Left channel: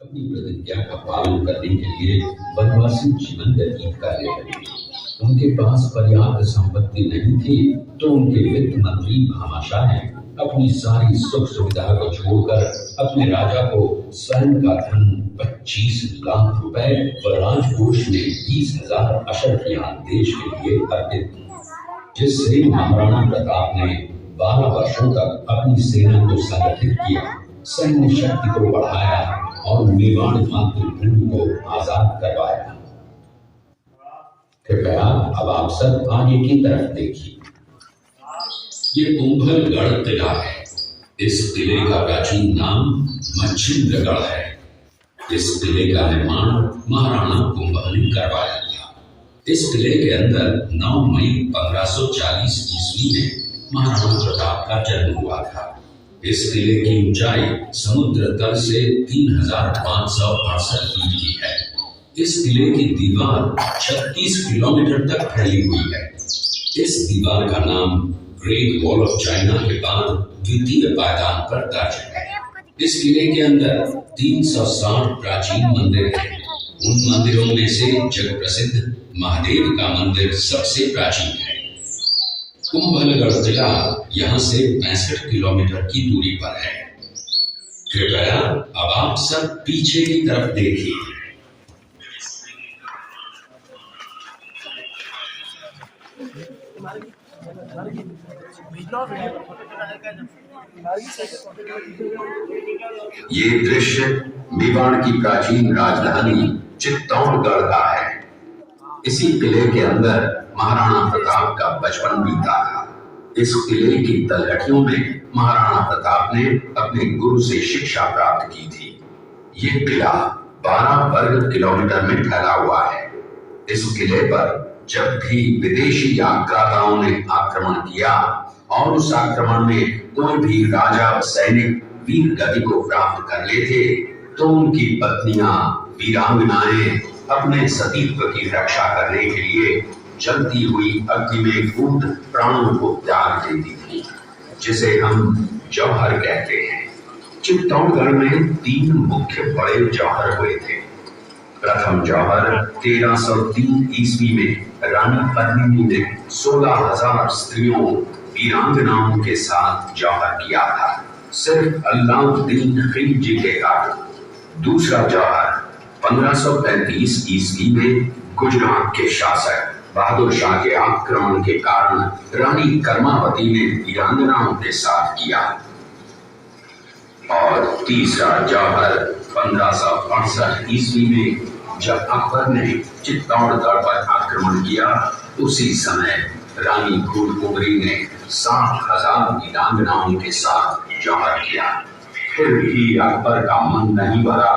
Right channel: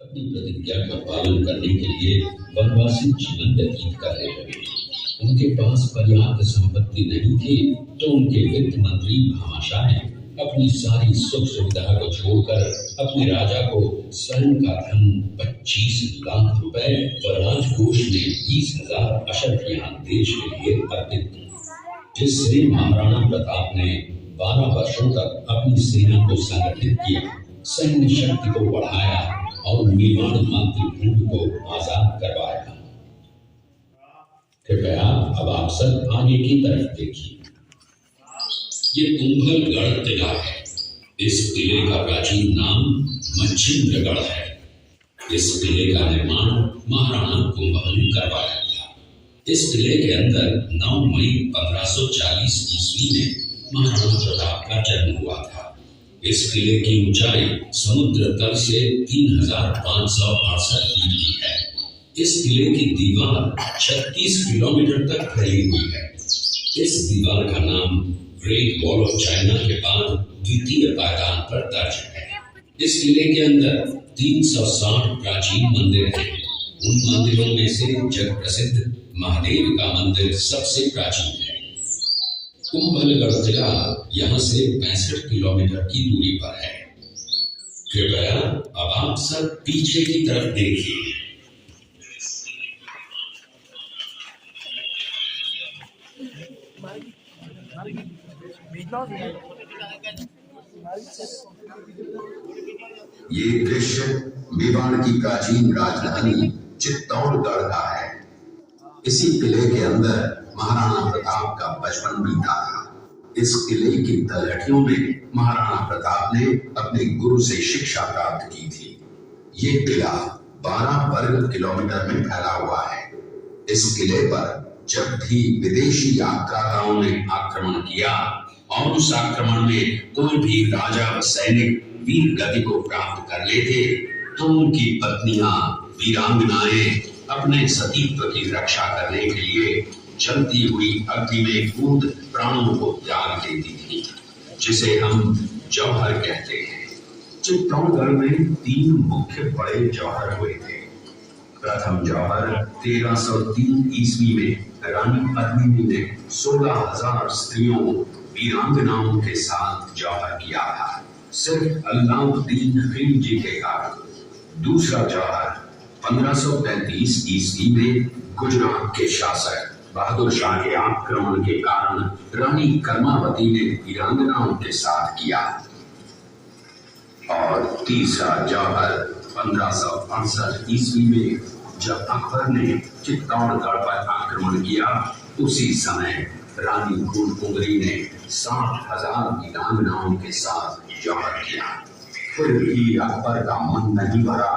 अपनी प्रतिज्ञा का पालन करने के लिए वनवासी जीवन व्यतीत करने लगे। उनके पास पर्याप्त संपत्ति नहीं थी, तो उनके वित्त मंत्री भामाशाह ने अपनी सारी सुख सुविधा को छोड़कर अपने राजा को स्वर्ण का धन 25 लाख रुपए व राजकोष में 20,000 अशर्फियां देश के लिए अर्पित की, जिससे महाराणा प्रताप ने 12 वर्षों तक अपनी सेना को संगठित किया, सैन्य शक्ति को बढ़ाया और मेवाड़ मातृभूमि को आजाद करवाया। कृपया अब आप सब आगे की तरफ देखिए। ये कुंभलगढ़ किला है। इस किले का प्राचीन नाम मच्छिंद्रगढ़ है। इस किले का निर्माण महाराणा कुंभल ने करवाया था। इस किले के अंदर 9 मई 1540 ईस्वी में महाराणा प्रताप का जन्म हुआ था। इस किले की ऊंचाई समुद्र तल से 3568 फीट की है। इस किले की दीवार 36 किलोमीटर तक फैली हुई है। इस दीवार का नाम ग्रेट वॉल ऑफ चाइना के बाद द्वितीय पायदान पर दर्ज है। इस किले के अंदर 360 प्राचीन मंदिर हैं। उन मंदिरों में से जग प्रसिद्ध महादेव का मंदिर सबसे प्राचीन है। कुंभलगढ़ किला यहाँ से 65 किलोमीटर की दूरी पर है। कृपया अब आप सब पीछे की तरफ देखिए। ये दृश्य मेवाड़ की प्राचीन राजधानी चित्तौड़गढ़ का है। इसी किले के अंदर महाराणा प्रताप का बचपन बीता था। इस किले की तलहटियों में महाराणा प्रताप ने अपने गुरु से शिक्षा प्राप्त की थी। ये किला 12 वर्ग किलोमीटर में फैला हुआ है। इस किले पर जब भी विदेशी आक्रांताओं ने आक्रमण किया और उस आक्रमण में कोई भी राजा व सैनिक वीर गति को प्राप्त कर लेते, तो उनकी पत्नियां वीरांगनाएं अपने सतीत्व की रक्षा करने के लिए जलती हुई अग्नि में कूद प्राणों को त्याग देती थी, जिसे हम जौहर कहते हैं। चित्तौड़गढ़ में 3 मुख्य बड़े जौहर हुए थे। प्रथम जौहर 1303 ईस्वी में रानी पद्मिनी ने 16,000 स्त्रियों वीरांगनाओं के साथ जौहर किया था, सिर्फ अल्लाउद्दीन खिलजी के कारण। दूसरा जौहर 1535 ईस्वी में गुजरात के शासक बहादुर शाह के आक्रमण के कारण रानी कर्मावती ने वीरांगनाओं के साथ किया। और तीसरा जौहर 1568 ईस्वी में जब अकबर ने चित्तौड़गढ़ पर आक्रमण किया, उसी समय रानी फूलकुंवरी ने 60,000 वीरांगनाओं के साथ जौहर किया। फिर भी अकबर का मन नहीं भरा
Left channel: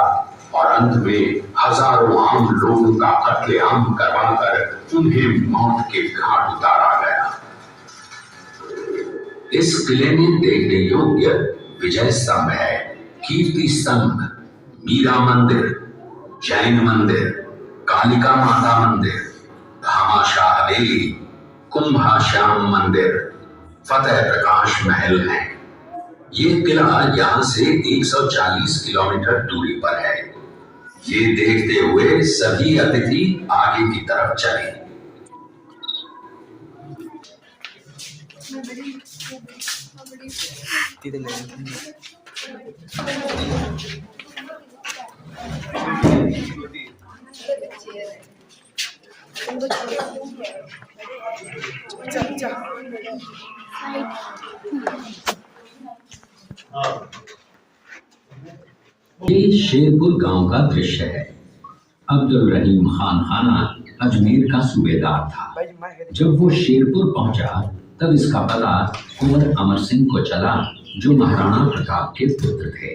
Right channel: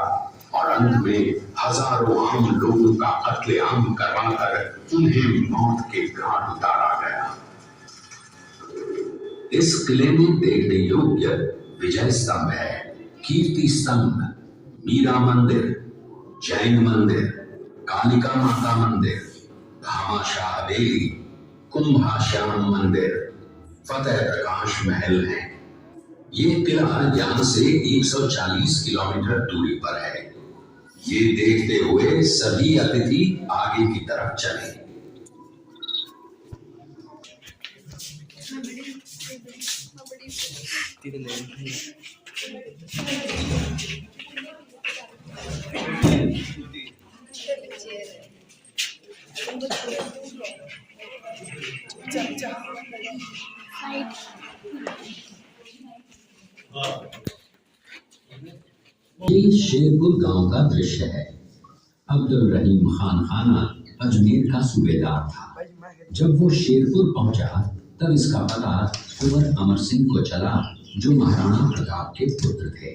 और अंत में हजारों आम लोगों का कत्लेआम करवाकर उन्हें मौत के घाट उतारा गया। इस किले में देखने योग्य विजय स्तंभ है, कीर्ति स्तंभ, मीरा मंदिर, जैन मंदिर, कालिका माता मंदिर, भामाशाह हवेली, कुंभाश्याम मंदिर, फतेह प्रकाश महल है। ये किला यहाँ से 140 किलोमीटर दूरी पर है। ये देखते हुए सभी अतिथि आगे की तरफ चले। ये शेरपुर गांव का दृश्य है। अब्दुल रहीम खान खाना अजमेर का सूबेदार था। जब वो शेरपुर पहुंचा, तब इसका पता कुंवर अमर सिंह को चला, जो महाराणा प्रताप के पुत्र थे।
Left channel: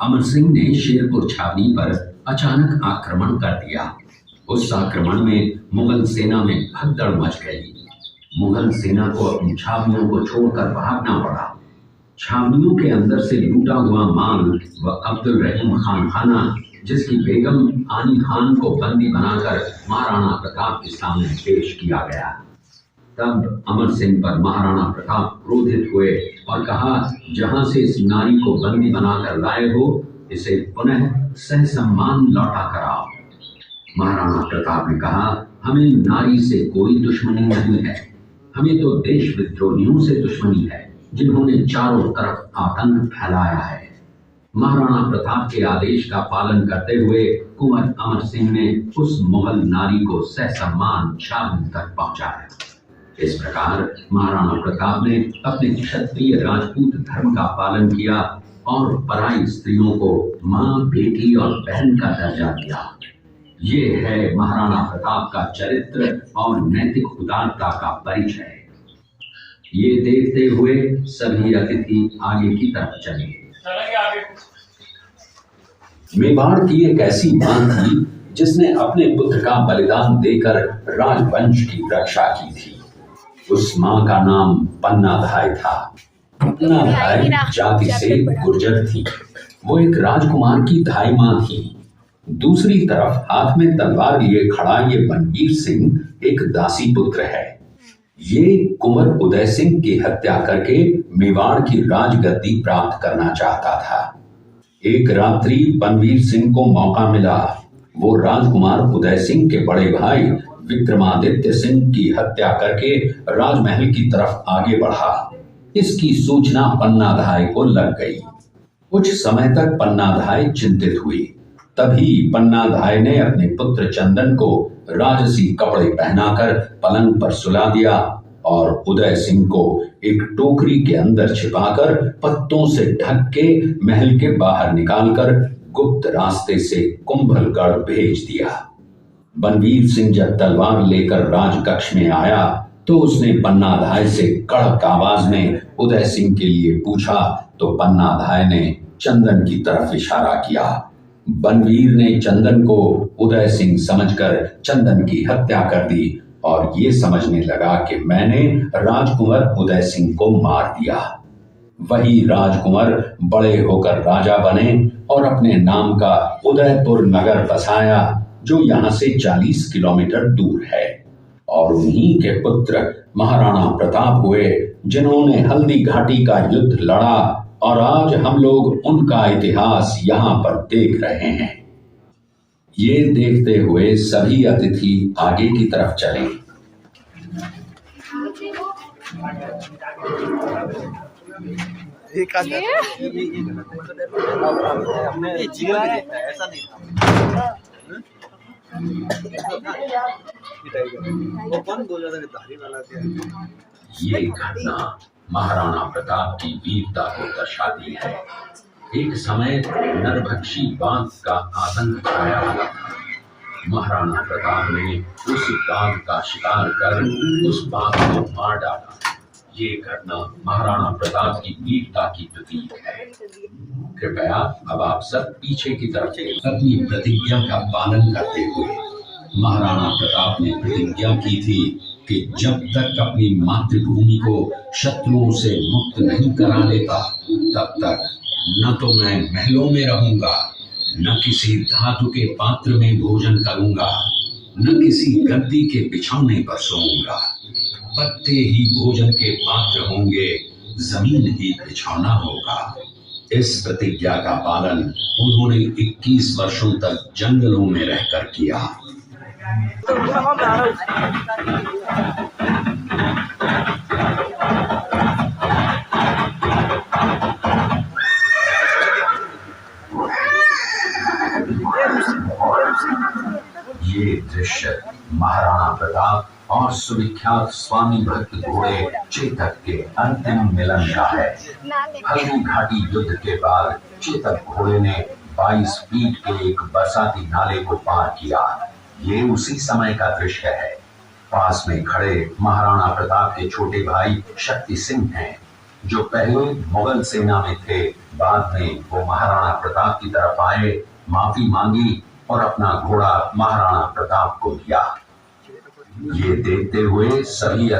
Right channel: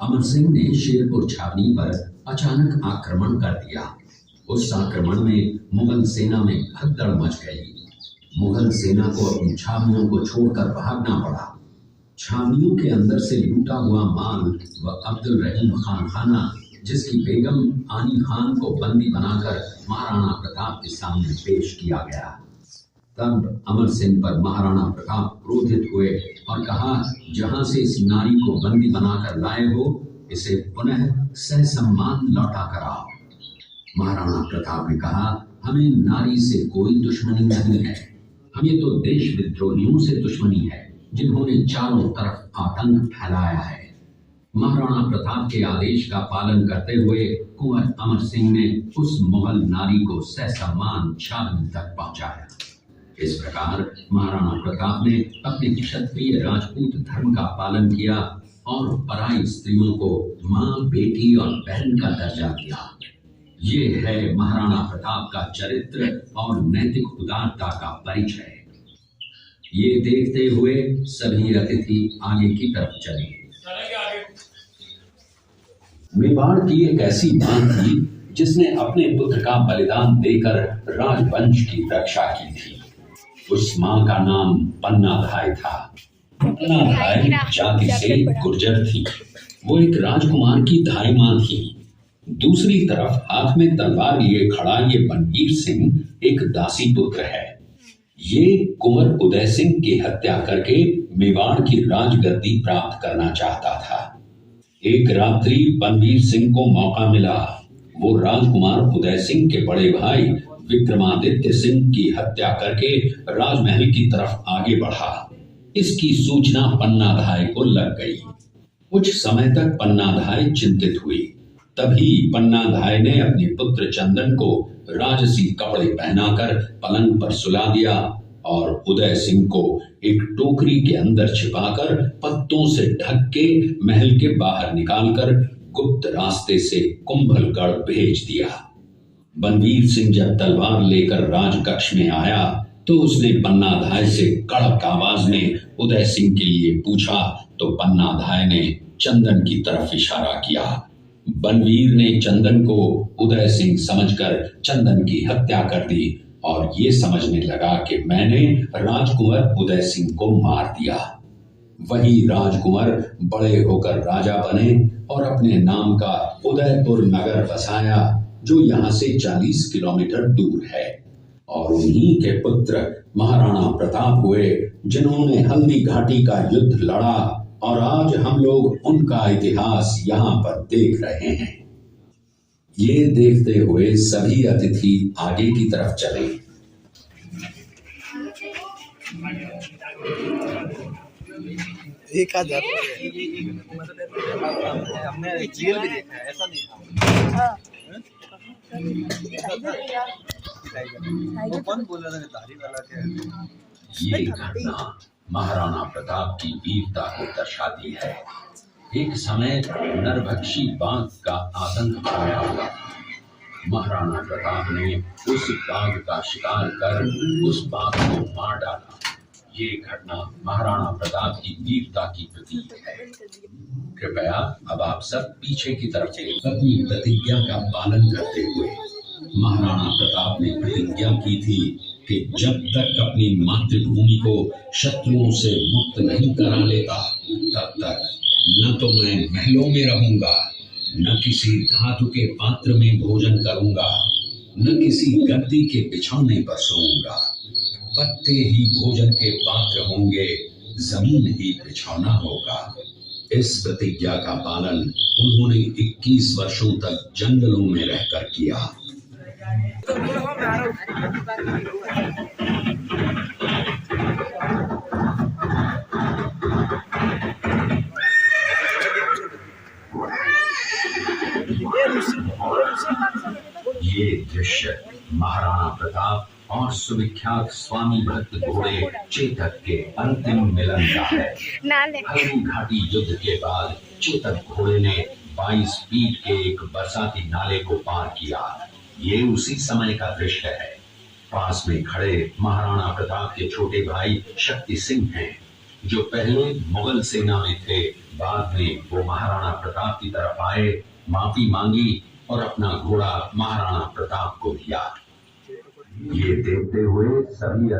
अमर सिंह ने शेरपुर छावनी पर अचानक आक्रमण कर दिया। उस आक्रमण में मुगल सेना में भगदड़ मच गई। मुगल सेना को अपनी छावनियों को छोड़कर भागना पड़ा। छावनियों के अंदर से लूटा हुआ माल व अब्दुल रहीम खान खाना, जिसकी बेगम आनी खान को बंदी बनाकर महाराणा प्रताप के सामने पेश किया गया। तब अमर सिंह पर महाराणा प्रताप क्रोधित हुए और कहा, जहां से इस नारी को बंदी बनाकर लाए हो, इसे पुनः सहसम्मान लौटा कराओ। महाराणा प्रताप ने कहा, हमें नारी से कोई दुश्मनी नहीं है, हमें तो देश विद्रोहियों से दुश्मनी है जिन्होंने चारों तरफ आतंक फैलाया है। महाराणा प्रताप के आदेश का पालन करते हुए कुंवर अमर सिंह ने उस मुगल नारी को ससम्मान छावनी तक पहुंचाया। इस प्रकार महाराणा प्रताप ने अपने क्षत्रिय राजपूत धर्म का पालन किया और पराई स्त्रियों को मां, बेटी और बहन का दर्जा दिया। ये है महाराणा प्रताप का चरित्र और नैतिक उदारता का परिचय। ये देखते हुए सभी अतिथि आगे की तरफ चले। मेवाड़ की एक ऐसी मां थी जिसने अपने पुत्र का बलिदान देकर राजवंश की रक्षा की थी। उस मां का नाम पन्नाधाय था। पन्नाधाय जाति से गुर्जर थी। वो एक राजकुमार की धाई मां थी। दूसरी तरफ हाथ में तलवार लिए खड़ा ये बनवीर सिंह एक दासी पुत्र है। ये कुंवर उदय सिंह की हत्या करके मेवाड़ की राजगद्दी प्राप्त करना चाहता था। एक रात्रि बनवीर सिंह को मौका मिला। वो राजकुमार उदय सिंह के बड़े भाई विक्रमादित्य सिंह की हत्या करके राजमहल की तरफ आगे बढ़ा। इसकी सूचना पन्नाधाय को लग गई। कुछ समय तक पन्नाधाय चिंतित हुई। तभी पन्नाधाय ने अपने पुत्र चंदन को राजसी कपड़े पहनाकर पलंग पर सुला दिया और उदय सिंह को एक टोकरी के अंदर छिपाकर पत्तों से ढक के महल के बाहर निकालकर गुप्त रास्ते से कुंभलगढ़ भेज दिया। बनवीर सिंह जब तलवार लेकर राजकक्ष में आया तो उसने पन्नाधाय से कड़क आवाज में उदय सिंह के लिए पूछा तो पन्नाधाय ने चंदन की तरफ इशारा किया। बनवीर ने चंदन को उदय सिंह समझकर चंदन की हत्या कर दी और ये समझने लगा कि मैंने राजकुंवर उदय सिंह को मार दिया। वही राजकुंवर बड़े होकर राजा बने और अपने नाम का उदयपुर नगर बसाया जो यहाँ से 40 किलोमीटर दूर है। और उन्हीं के पुत्र महाराणा प्रताप हुए जिन्होंने हल्दी घाटी का युद्ध लड़ा और आज हम लोग उनका इतिहास यहाँ पर देख रहे हैं। ये देखते हुए सभी अतिथि आगे की तरफ चले। ये घटना महाराणा प्रताप की वीरता को दर्शाती है। एक समय नरभक्षी बाघ का आतंक छाया हुआ था। महाराणा प्रताप ने उस बाघ का शिकार कर उस बाघ को मार डाला। ये घटना महाराणा प्रताप की वीरता की प्रतीक है। कृपया अब आप सब पीछे की तरफ चलिए। अपनी प्रतिज्ञा का पालन करते हुए महाराणा प्रताप ने प्रतिज्ञा की थी कि जब तक अपनी मातृभूमि को शत्रुओं से मुक्त नहीं करा लेता तब तक न तो मैं महलों में रहूंगा, न किसी धातु के पात्र में भोजन करूंगा, न किसी गद्दी के बिछौने पर सोऊंगा। पत्ते ही भोजन के पात्र होंगे, जमीन ही बिछौना होगा। इस प्रतिज्ञा का पालन उन्होंने 21 वर्षों तक जंगलों में रहकर किया। ये दृश्य महाराणा प्रताप और सुविख्यात स्वामी भक्त घोड़े चेतक के अंतिम मिलन का है। हल्दी घाटी युद्ध के बाद चेतक घोड़े ने 22 फीट के एक बरसाती नाले को पार किया। ये उसी समय का दृश्य है। पास में खड़े महाराणा प्रताप के छोटे भाई शक्ति सिंह हैं, जो पहले मुगल सेना में थे। बाद में वो महाराणा प्रताप की तरफ आए, माफी मांगी और अपना घोड़ा महाराणा प्रताप को दिया। ये देखते हुए सभी